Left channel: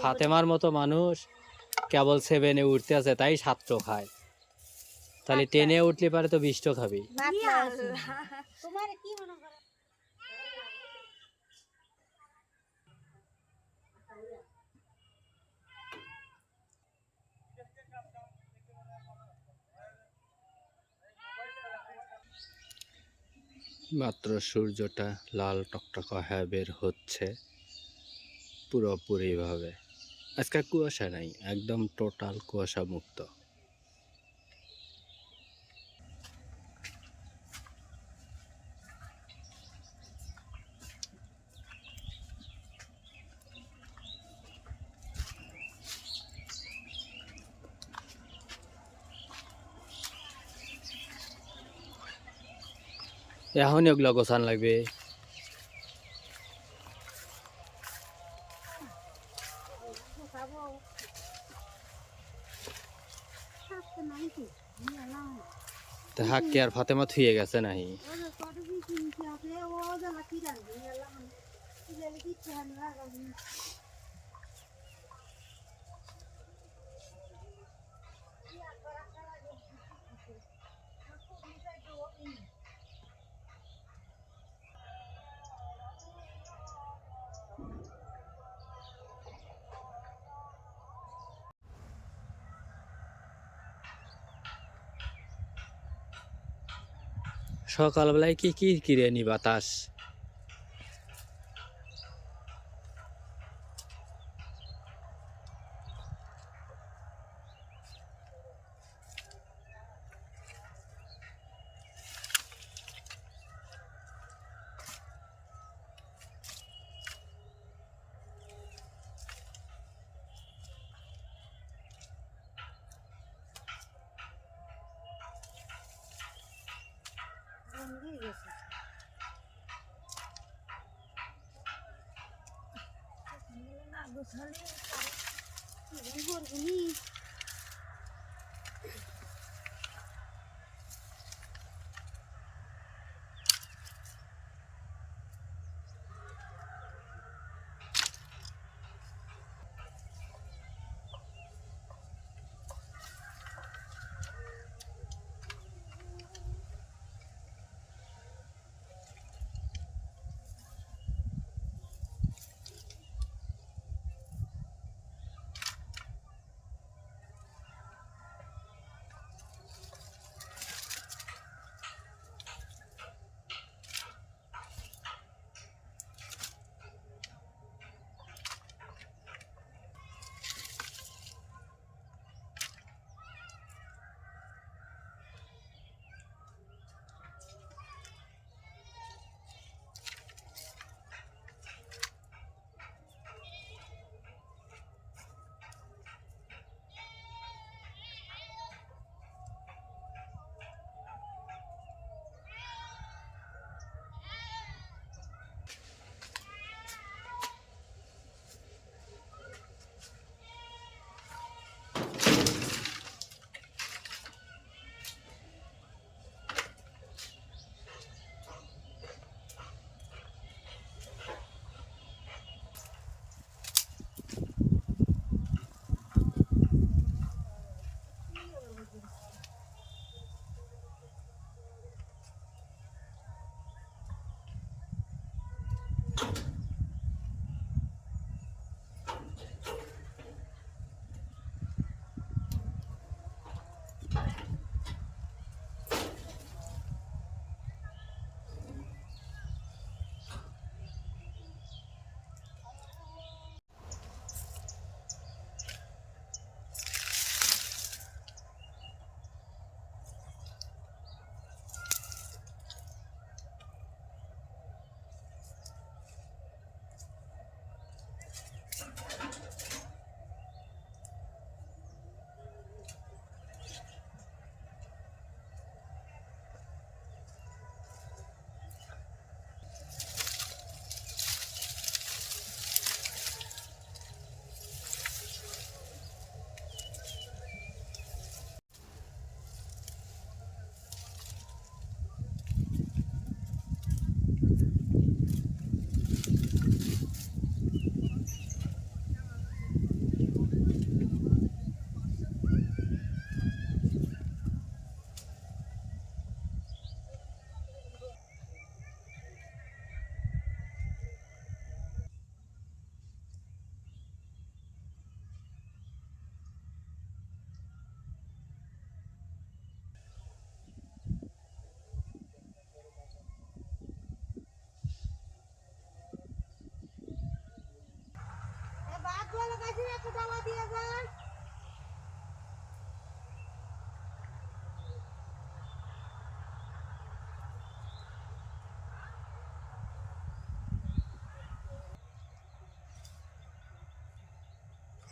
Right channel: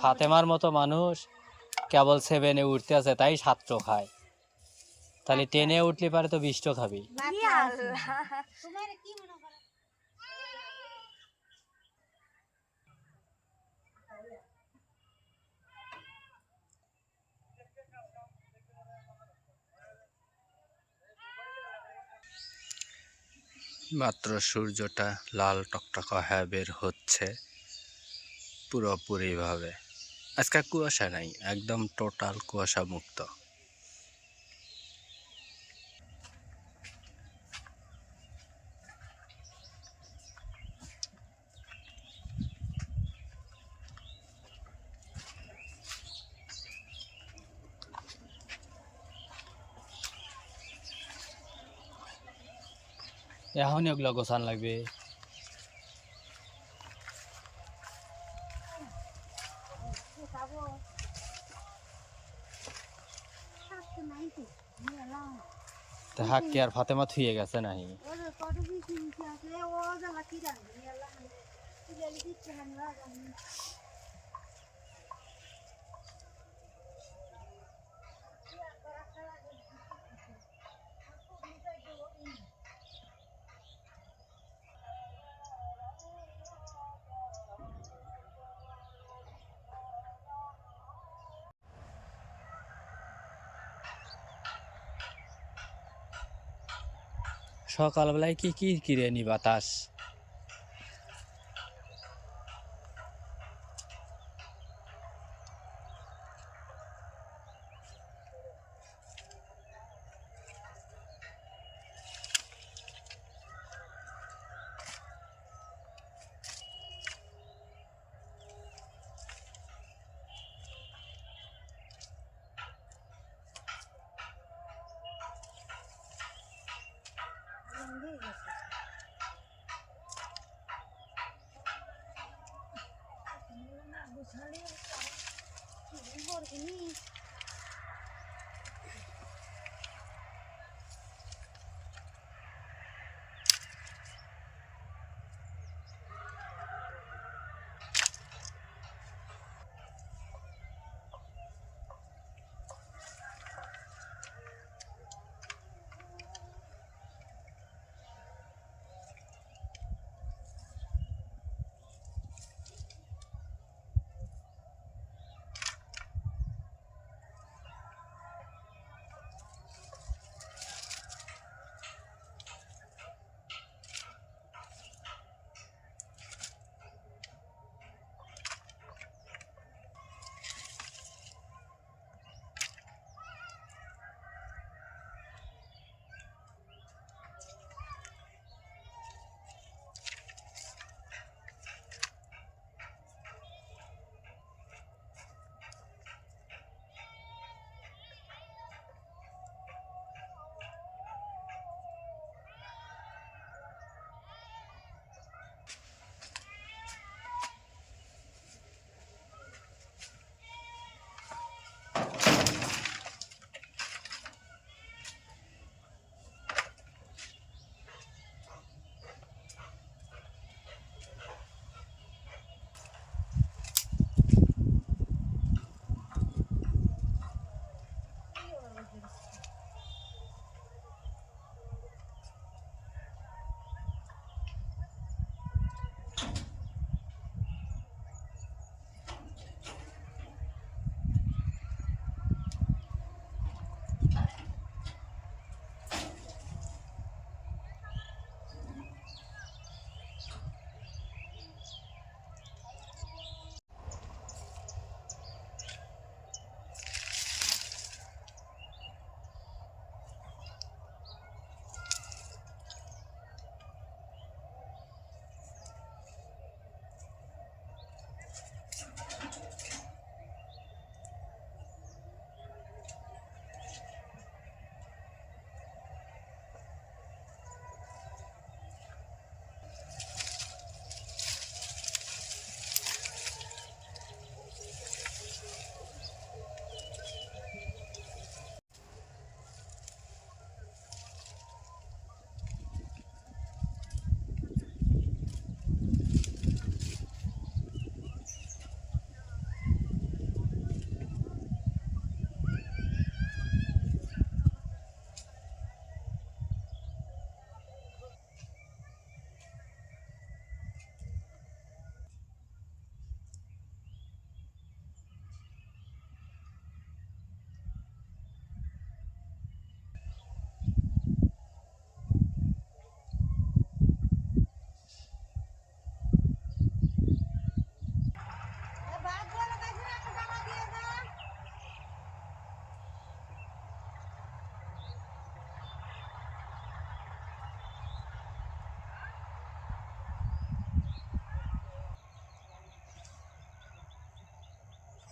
ফাতেমার মতো মানুষ কেবল 7-এ উঠতে আছে তাই 7টো খায়, তাহলে 10-এ উঠলে পারে তো 20টো খাবি। মাত্র সূর্যটা লাল টকটকা হয়ে বের হচ্ছে পুরোপুরিভাবে। আজকে কুয়াশা নাই, একদম টোটাল কুয়াশা মুক্ত। এখনই ওগুলো গোছান লাগবে। হাক কে আর ফাতেমা থুয়ে গেছে নাহি? সকালবেলায় কি কি কিরে নি বাতাস।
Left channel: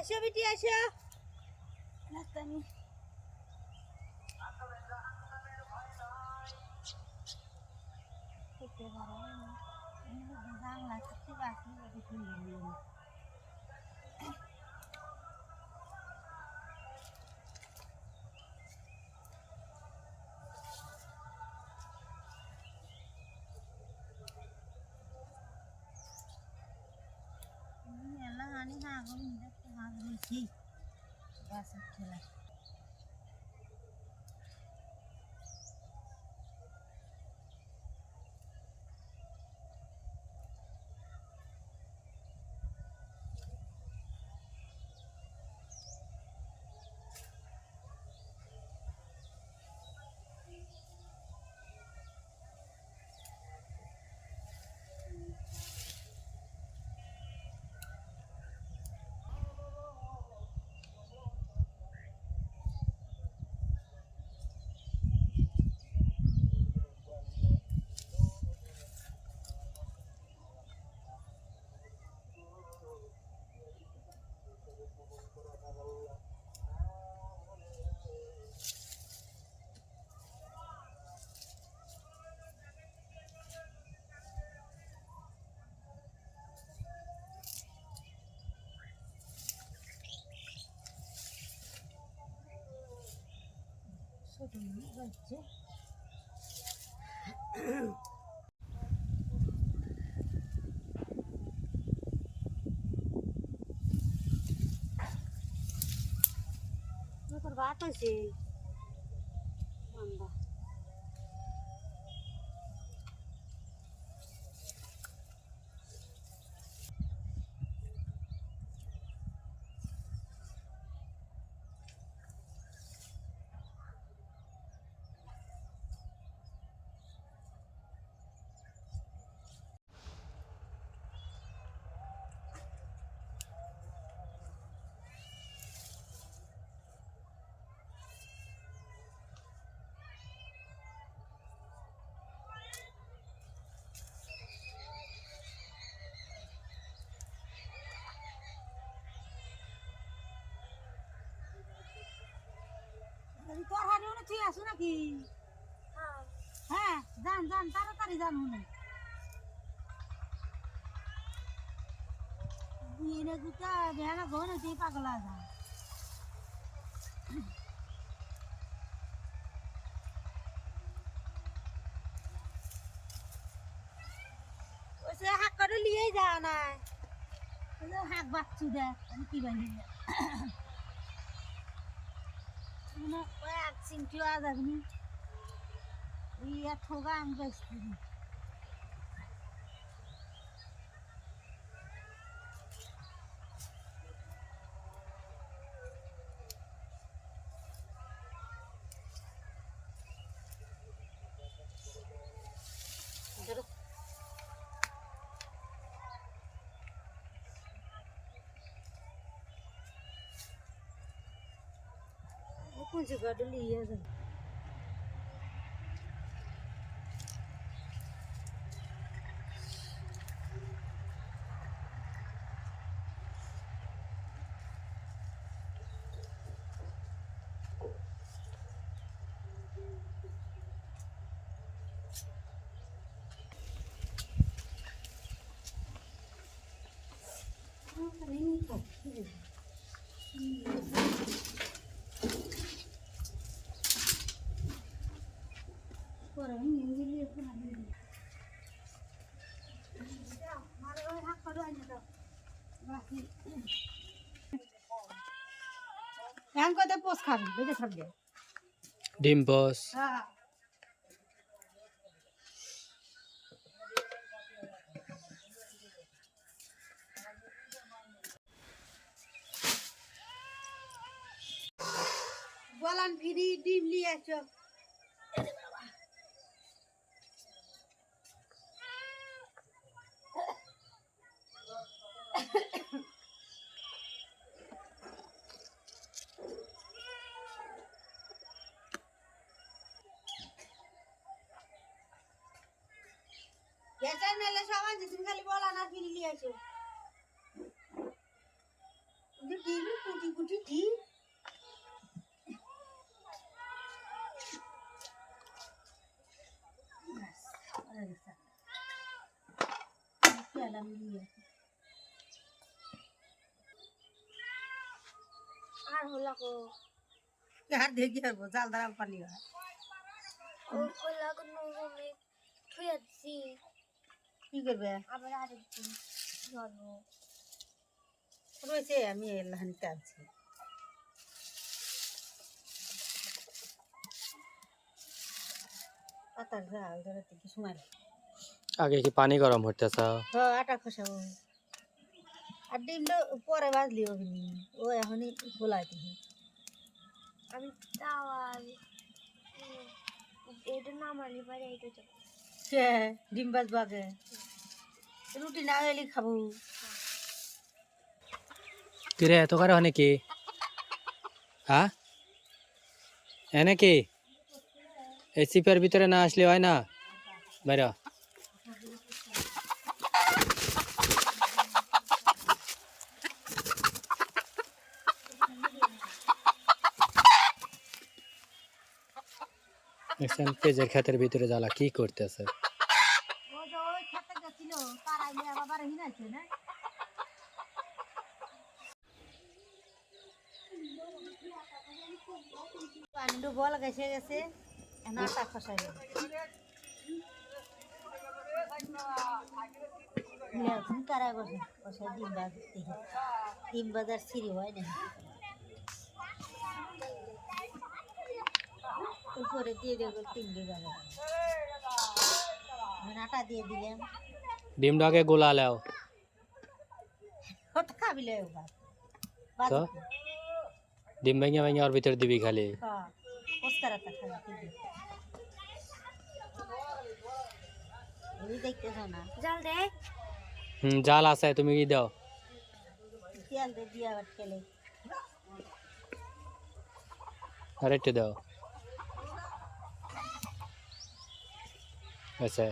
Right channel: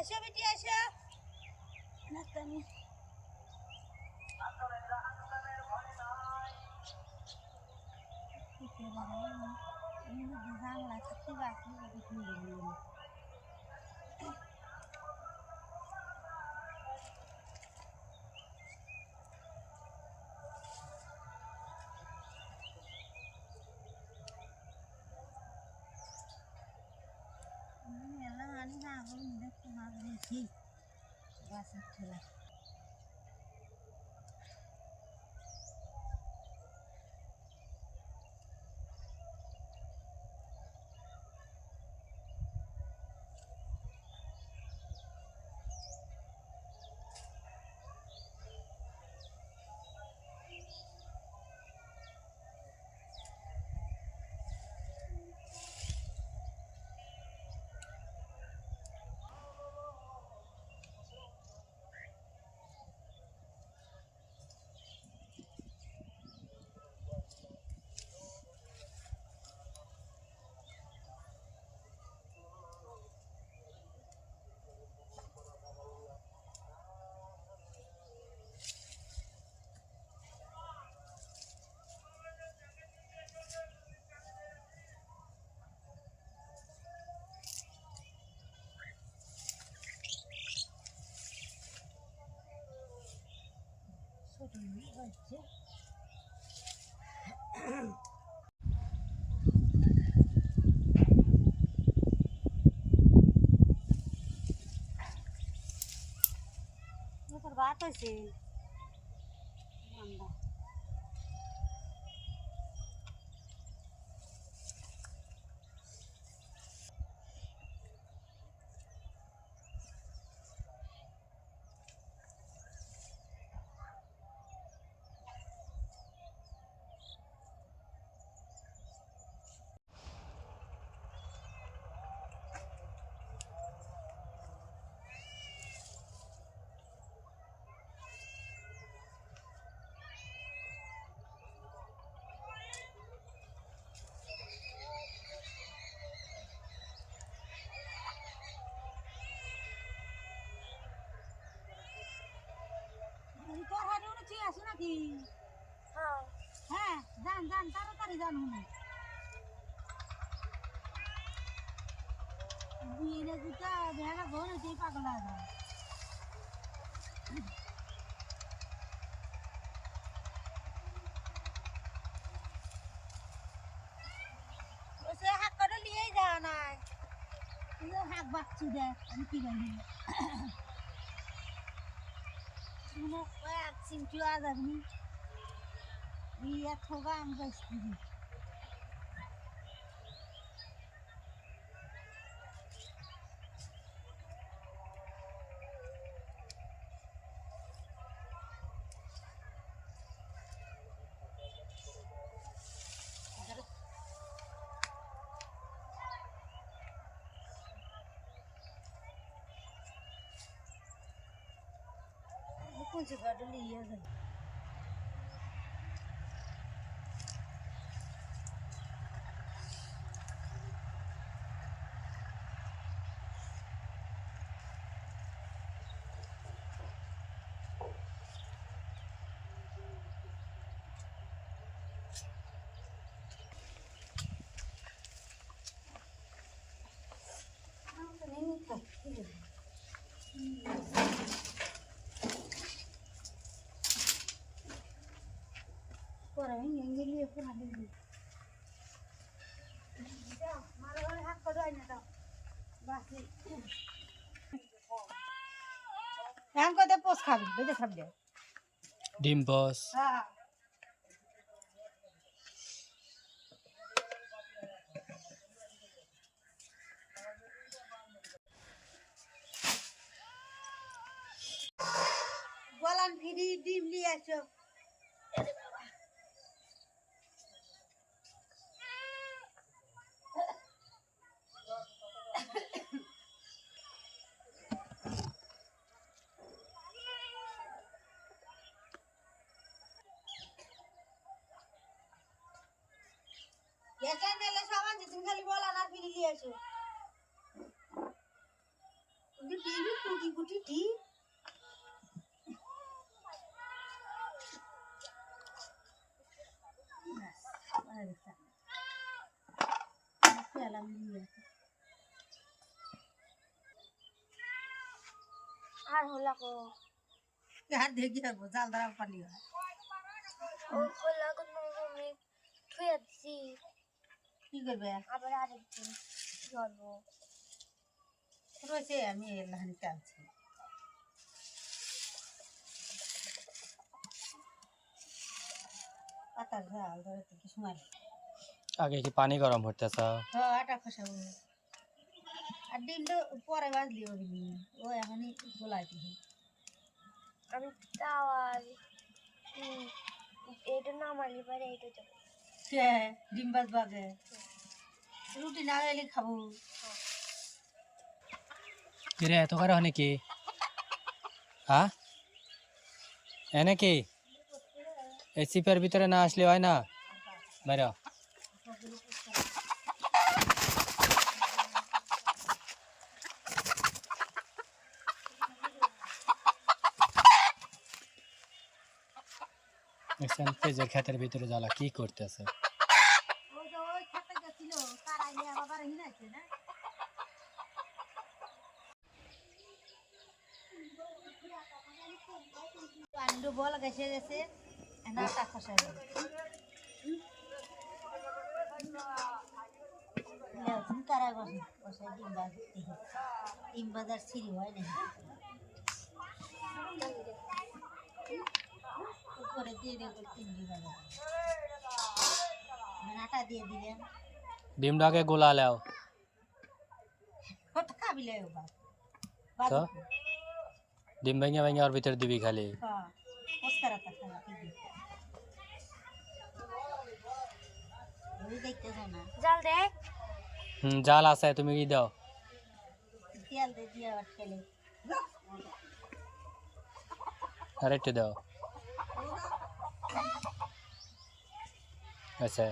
আসো বেটি আসো নাস্তা নিয়ে খেতে পারো জানলা থাকতে বাসি দেখি ಎಲ್ಲ ಹಾನಿ ಹಾಗು ಇದಕ್ಕೆ ಹಾಕಿ বাস খেলা ছোট বাচ্চা তোর ভাত হয়েছে বান্দা তোর হাড়ি উনি ঠিক আছে নাকি হ্যাঁ যান যান তাড়াতাড়ি যান উনি বিয়ে দুটা বেড়া ঘন হচ্ছে পাগলা যান ওসে হাক করে লিয়েই যাওয়া নাই হাক বাচ্চু দেখ আমি কি বাইরে ওই এক চিমটিও আজ আপনি এক ঠোকা আমি বেশি कुछ गड़ लिया नहीं था por ahí ni en el por ahí ya mara hoy hak ko doy na daw basi yan ko te pos খাবি বেজে খাবি ডিম বস হ্যাঁ বলান ফিরি ডিম নিয়ে আসো আরে বাবা বেটাই মেলে সামান তুমি খালি বল আনার ফিরি লিয়ে আসো ডিম কুটি কুটি ডিম আর হলা কো আর দেখি হবো জাল দাঁড়াল পানি হয় ও হলা কো নরমে থুয়াছি কি করবে আবার আরেকদিন ধরবো রয়েছে আমি এলাহানি টানছি পাতার জাল ধরাতে কি সময় লাগে আগে কি পানি গরম হইতেছে হ্যাঁ আটা খসাবো আর ডিমটা পরে বাজলি ও এখনই গোলাই দিবি আমি তাওয়ার এটা নামালি পারে এটা যাবো ডিম বাজবো আগে রুটি না হলে খাবো কিরে এত করে হয় কি হ্যাঁ এনে কি এই চিপের ভিতরে না আসলে হয় না বাইরে পেঁয়াজের ক্ষেতের ভিতরে জ্বালা কি করতেছে ওই খেতে গেছিল তার আগে আবার হিনাইছে না পানি ডুবো লাগাইছে গেছে না আটা খসাই তারা বসে বসে ডিম বাজার সিঁড়ি হয় না উপরে দিয়ে দেবো 3 বিঘা আটা দিয়ে দিলাম ডিমটাকে গোলা লাও কত খাবিলে তো ডিম ভেঙে ভেঙে ওর ভিতরে দিবি খালি হ্যাঁ ওস্কারাটা খাওয়া ঠিক ওই দেখতেছ না জাল দে জাল আছে তুমি কি দাও তেল দিয়ে দিয়ে আবার খেলে আরেকটু দাও আচ্ছা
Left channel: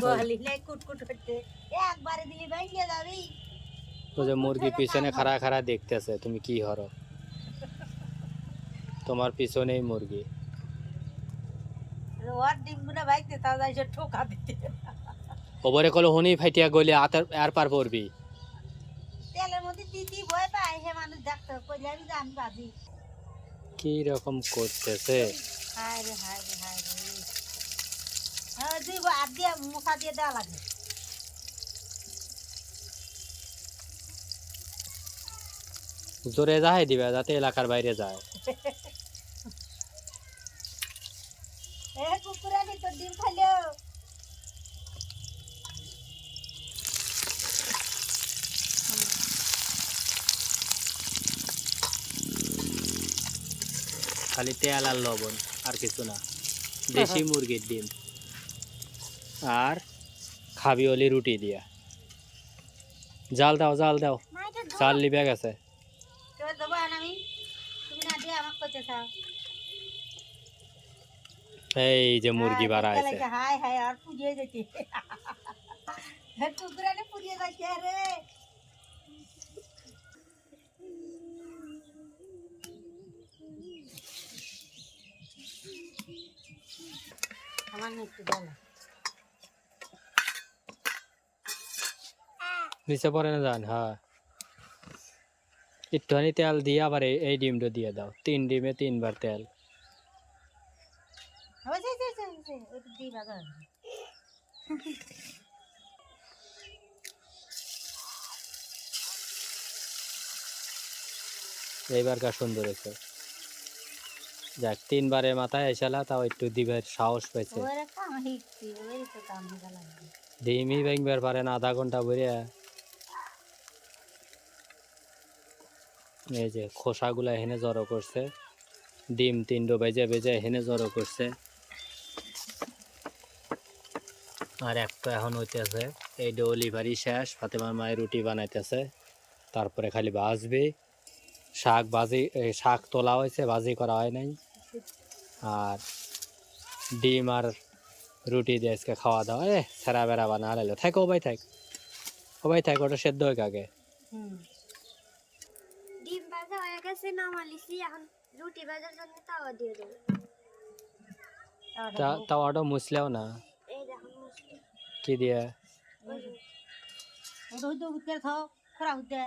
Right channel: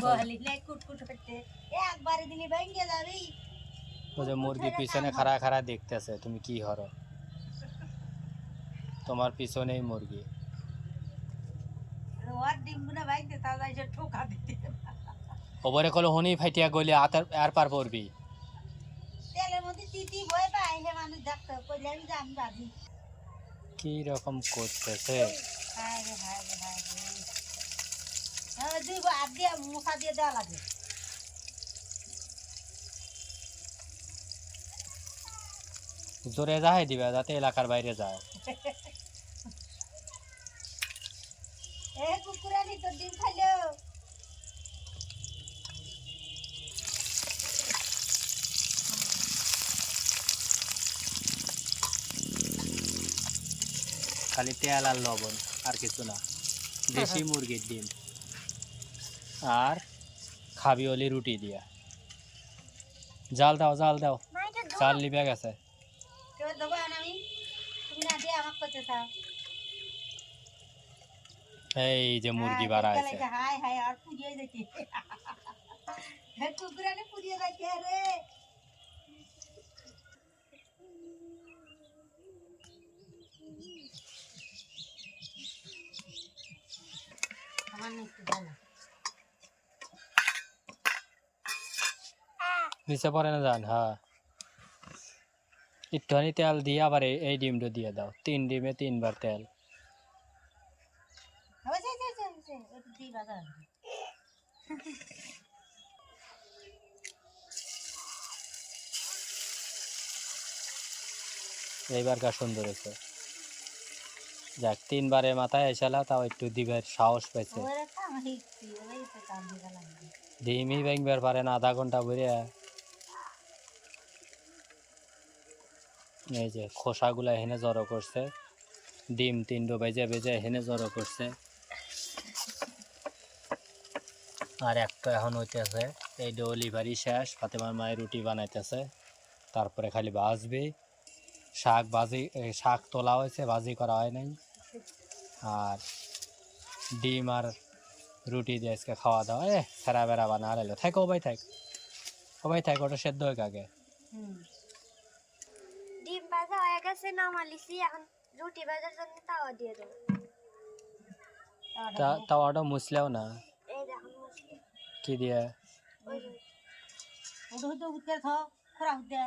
বলি নাই কুটকুট হচ্ছে একবারে দিলি ভেঙে যাবি ও যে মুরগি পিছনে খাড়া খাড়া দেখতেছে তুমি কি হরো তোমার পিছনেই মুরগি ওর ডিমগুলো ভাইতে তাহলে এসে ঠোকা দিতে ওপরে কলো হনি ফাইটিয়া গলি আর পার পড়বি তেলের মধ্যে দিদি ভয় পায় হে মানুষ দেখতো কইলে আমি জানি বাজি কি রকম করতেছে হায় রে হায় রে হায় রে হ্যাঁ দুই হাত দিয়ে মশা দিয়ে দেওয়া লাগে জোরে যাই দিবে যাতে এলাকার বাইরে যায় এ কুকুরানি তোর ডিম খাইলো খালি তেল আর লবণ আর কিছু না দেশি মুরগির ডিম আর খাবি ওলি রুটি দিয়া জাল দাও জাল লিবে গেছে কেউ দেবো আমি তুমি না দিয়ে আমাকে করতে চাও এই যে মুরগি বাড়া আছে হায় হায় আর পুড়িয়ে যেতে কুকুরানি পুড়িয়ে যাচ্ছে রে আমার একটু ডালা নিচে পড়ে না যান হ্যাঁ একটুখানি তেল দিয়ে আবার এই ডিমটা দিয়ে দাও 3 ডিমে 3 বার তেল ওটা দিয়ে বাজার এইবার কার সুন্দর হয়েছে যাক 3 বারে মাথায় এসালা তাও একটু দিবের সাহস পাইছে ডিমই ভাঙবার পারে না আধা ঘন্টা ভরে এই যে খোসাগুলা এখানে জড়ো করছে ডিম 3 বেজে বেজে এখানে জড়ো করছে আর একটা এখন হইতেছে এই ডলিভারি শেষ ফাতেমার মায়ের রুটি বানাইতেছে তারপরে খালি ভাজবে। শাক ভাজি, শাক তোলা হয়েছে, ভাজি করা হয় নাই। আর ডিম আর রুটি দিয়ে আজকে খাওয়া দাওয়া। সেরা বেড়া বানা হারাইলো। থাক ও ভাই থাক, ও ভাই থাক, ওটা সেদ্ধ হয়ে আগে। ডিম ভাজা হয়ে গেছে, নামালিছি। এখন রুটি ভাজার জন্য তাওয়া দিয়ে দেবো। তাওয়াটা মুছলেও না, এই দেখুন মুসলি। কি দিয়ে? ওই যে ওটা হইতে উঠতে খাও খরা হইতে।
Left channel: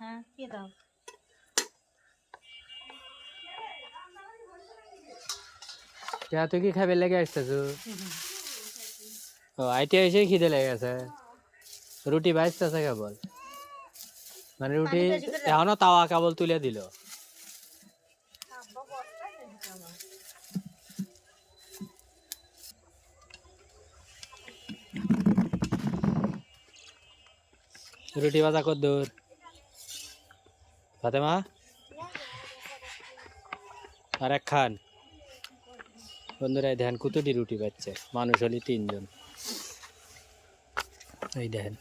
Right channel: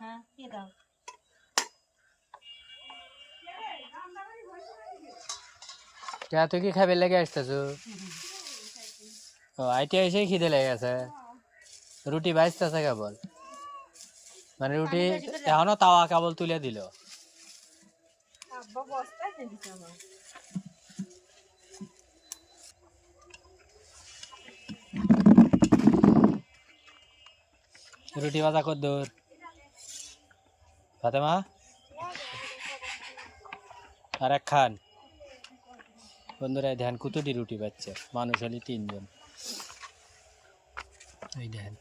হ্যাঁ কে দাও তুই কি খাবে লেগে আসতেছ? ও আইটি এসে খিদে লেগে গেছে। রুটি ভাজতেছে কেবল, মানে রুটি এখনো তাওয়া কেবল তুলে দিল। রুটি ভাজা কত দূর ফাতেমা? আর এক খান। বন্ধুরা এই দেখেন কতটি রুটি পাচ্ছে, মানুষ হলি 3 জন। এই দেখেন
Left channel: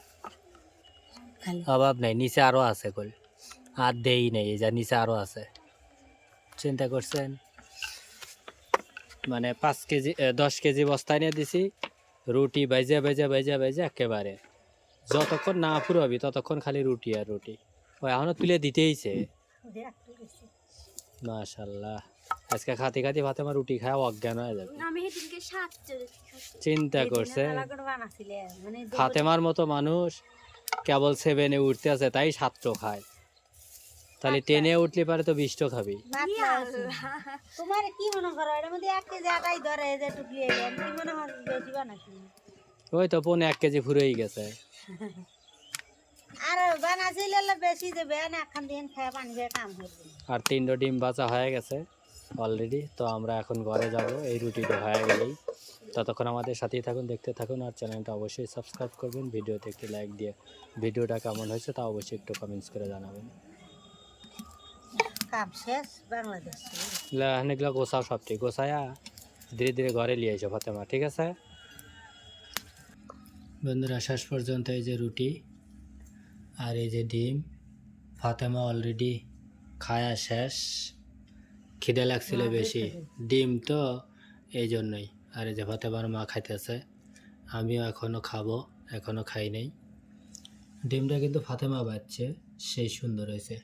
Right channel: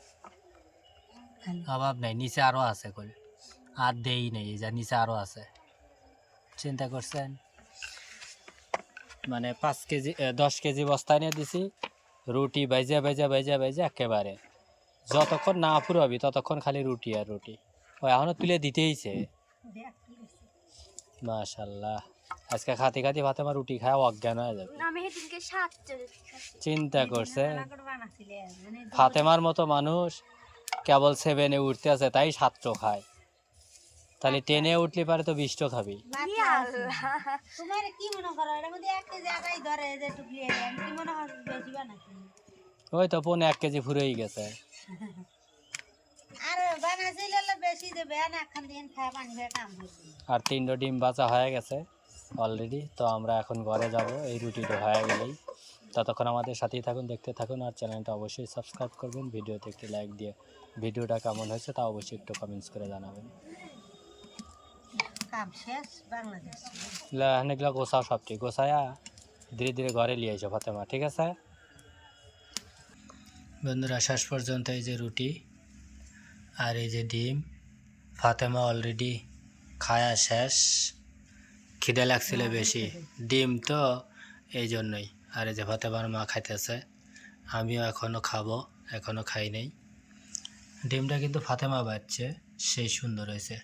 অভাব নাই, নিচে আরো আছে কল, আর দেই নেই, এই যা নিচে আরো আছে। চিন্তা করছেন, মানে 5 কেজি 10 কেজি বস্তায় নিয়ে দিছি রুটি, বাইজা বাইজা বাইজা বাইজা একেবারে যতক্ষণ না ফুরাবি ততক্ষণ খালি রুটি আর রুটি। ও এখনো তুলে দিতেইছে। মাশাল্লাহ, আজকে খাতে খাতে ফাতেমা রুটি খায় অজ্ঞান হয়ে যাবে। আমি সেদিনকে 7 চলে খাচ্ছি। চিন্তা করছে বানাছিলে মানে ফাতেমার মতো মানুষ কেবল 7-এ উঠতে আছে তাই 7টো খায়, তাহলে 10-এ উঠলে পারে তো 20টো খাবি। তোমার কি মনে করো এর মধ্যে 1 কেজি একাই ধরে এই যে টুকলি এলাম কি মনে হয় বেশি বানাছিল? ওই তো 1.5 কেজি ফুরেই গেছে। আর বানাছিল বেশি দেবে না, এখন দিন খায় পানি খেয়ে কাম করবে। আর 3টো ডিম ভাজা হয়ে গেছে অলরেডি। তো আমরা এখন ঘরে যাব এই রুটিটা হয়ে গেলেই। ততক্ষণ আমাদের সাথেই থাকুন, দেখতে থাকুন, আর চ্যানেলটা অবশ্যই সাবস্ক্রাইব করবেন। ভিডিওতে একটি লাইক দিয়ে ভিডিওটা কেমন হয়েছে তা অবশ্যই একটু কমেন্টস করে জানাবেন। কাম শেষ বাংলাদেশ। অনেকগুলো গোছাও, সবটি গোছায়া ধীরে ধীরে ঘরে নিয়ে এসো ফাতেমা, ঠিক আছে? বন্ধুরা শেষ পর্যন্ত এই যে রুটি আর এই যে ডিম, ফাতেমা অলরেডি খায়া শেষ। খিদে লাগছিল বেশি, ডিম তো এই জন্যই। আর এই যে ফাতেমার মা খাইতেছে, আমিও এখনও খাবো, এখনও খাই নাই। ডিমটা কিন্তু ফাতেমা বাচ্ছে, সেই সুন্দর হয়েছে।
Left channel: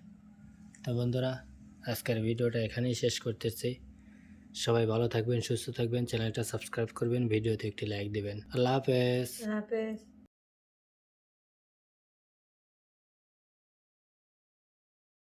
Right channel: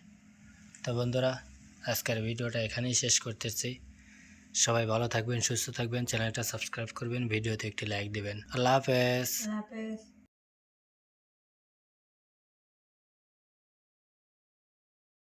তো বন্ধুরা আজকের ভিডিওটা এখানেই শেষ করতেছি। সবাই ভালো থাকবেন, সুস্থ থাকবেন, চ্যানেলটা সাবস্ক্রাইব করবেন, ভিডিওতে একটি লাইক দিবেন। আল্লাহ হাফেজ। হাফেজ।